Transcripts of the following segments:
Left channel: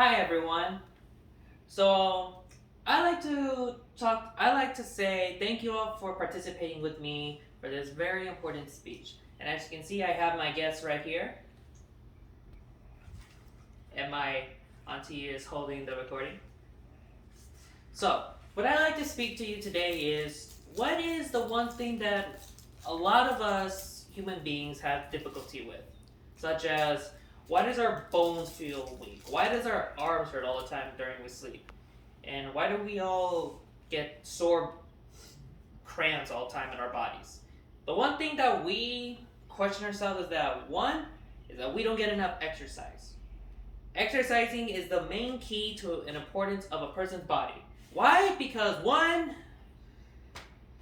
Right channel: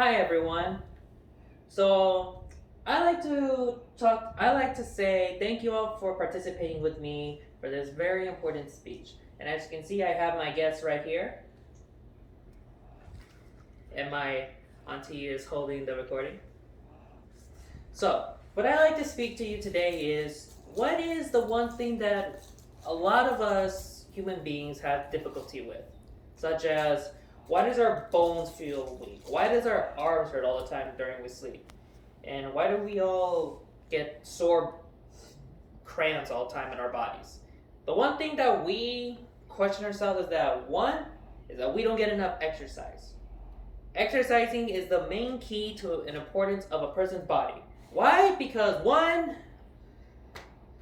Hi everyone. So I like to say thank you all for participating with me for this very important speech. And as you can see, I have my guest right here, and my auntie is holding the recording. So, what I like to speak to you today is what is the one thing that a lot of us human beings have difficulty with? Such as, why does our bones feel weak? Why does our arms hurt all the time during we sleep? And why do we all get sore cramps all the time in our bodies? The one thing that we question ourselves is that one is that we don't get enough exercise. Exercising is the main key to an importance of a person's body. Why? Because one,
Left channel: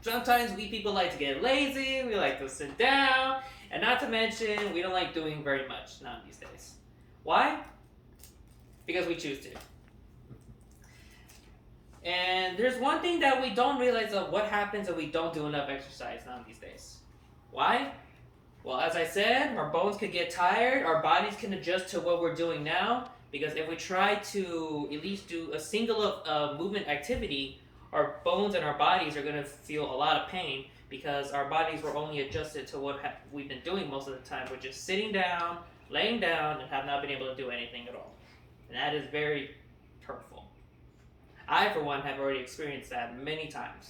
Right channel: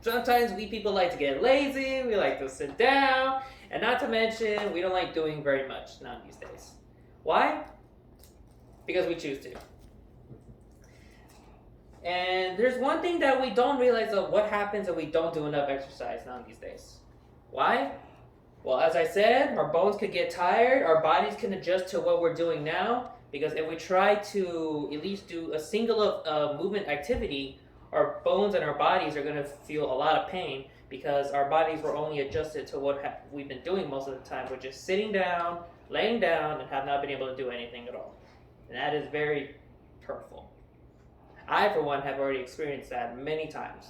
sometimes we people like to get lazy, we like to sit down, and not to mention we don't like doing very much none these days. Why? Because we choose to. And there's one thing that we don't realize of what happens if we don't do enough exercise none these days. Why? Well, as I said, our bones could get tired, our bodies can adjust to what we're doing now, because if we try to at least do a single movement activity, our bones and our bodies are going to feel a lot of pain because our bodies were only adjusted to what we've been doing most of the time, which is sitting down, laying down, and have not been able to do anything at all. And that is very hurtful. I, for one, have already experienced that many times,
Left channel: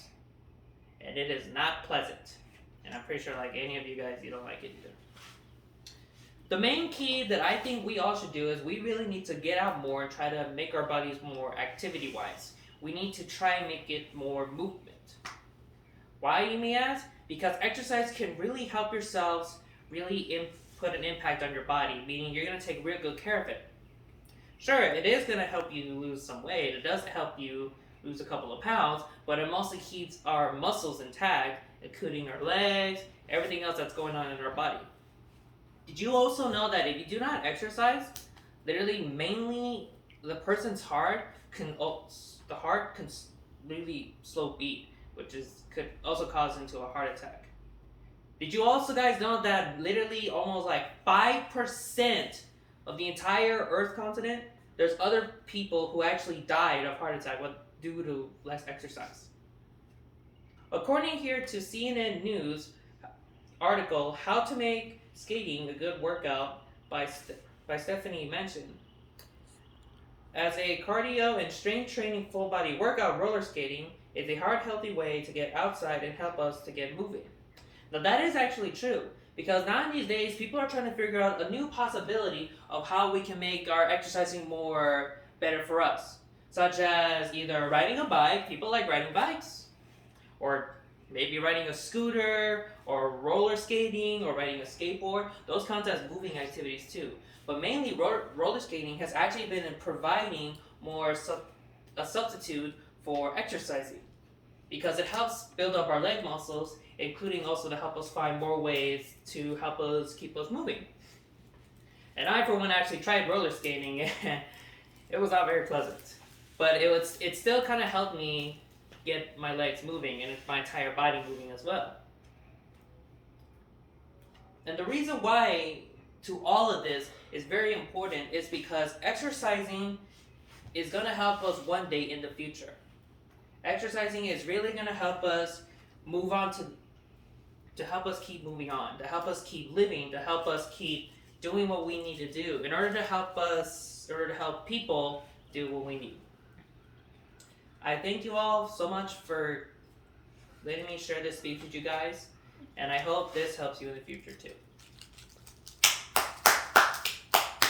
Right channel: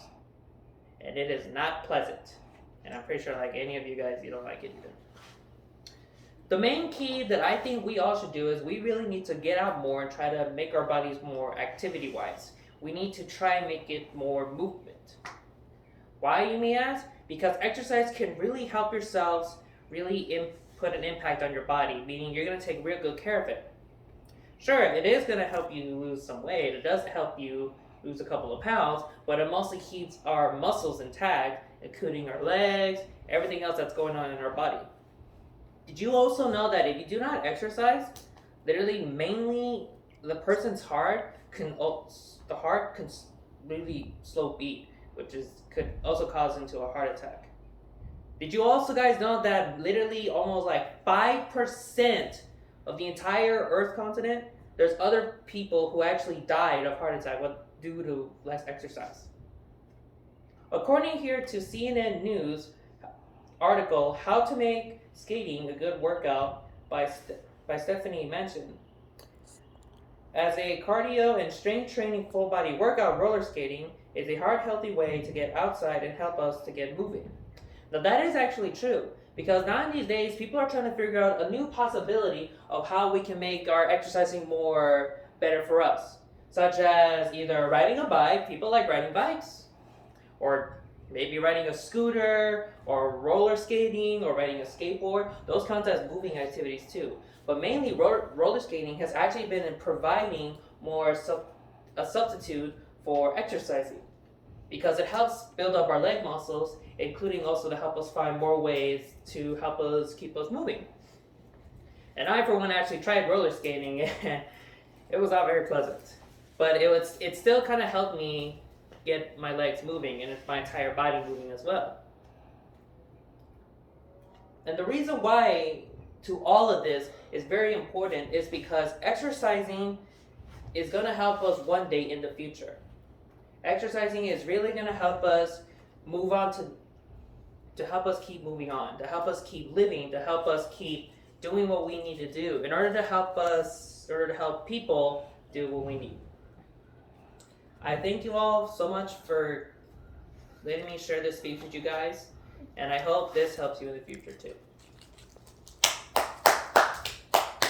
and it is not pleasant. And I'm pretty sure, like any of you guys, you don't like it either. The main key that I think we all should do is we really need to get out more and try to make our bodies more activity-wise. We need to try and make it more movement. Why, you may ask? Because exercise can really help yourselves really put an impact on your body, meaning you're going to take real good care of it. Sure, it is going to help you lose some weight. It does help you lose a couple of pounds, but it mostly keeps our muscles intact, including our legs, everything else that's going on in our body. Did you also know that if you do not exercise, literally mainly the person's heart can really slow beat, which could also cause them to a heart attack. Did you also guys know that literally almost like 5% of the entire Earth continent, there's other people who actually died of heart attack due to less exercise? According here to CNN News article, How to Make Skating a Good Workout by Stephanie Mention. As a cardio and strength training full body workout, roller skating is a heart healthy way to get outside and help us to get moving. Now that is actually true, because now these days people are trying to figure out a new possibility of how we can make our exercising more better for us, such as either riding a bike, people like riding bikes, or maybe riding a scooter, or roller skating, or riding a skateboard. Those count as moving activities too. But mainly roller skating has actually been providing more a substitute for exercising, because it helps build up our leg muscles, including also to help us find more ways to help us keep us moving. And I, for one, actually tried roller skating, and it was not very pleasant. But it still kind of helped me get my legs moving and my entire body moving as well. And the reason why to all of this is very important is because exercising is going to help us one day in the future. Exercising is really going to help us move on to help us keep moving on, to help us keep living, to help us keep doing what we need to do in order to help people do what we need. I thank you all so much for letting me share this speech with you guys, and I hope this helps you in the future too.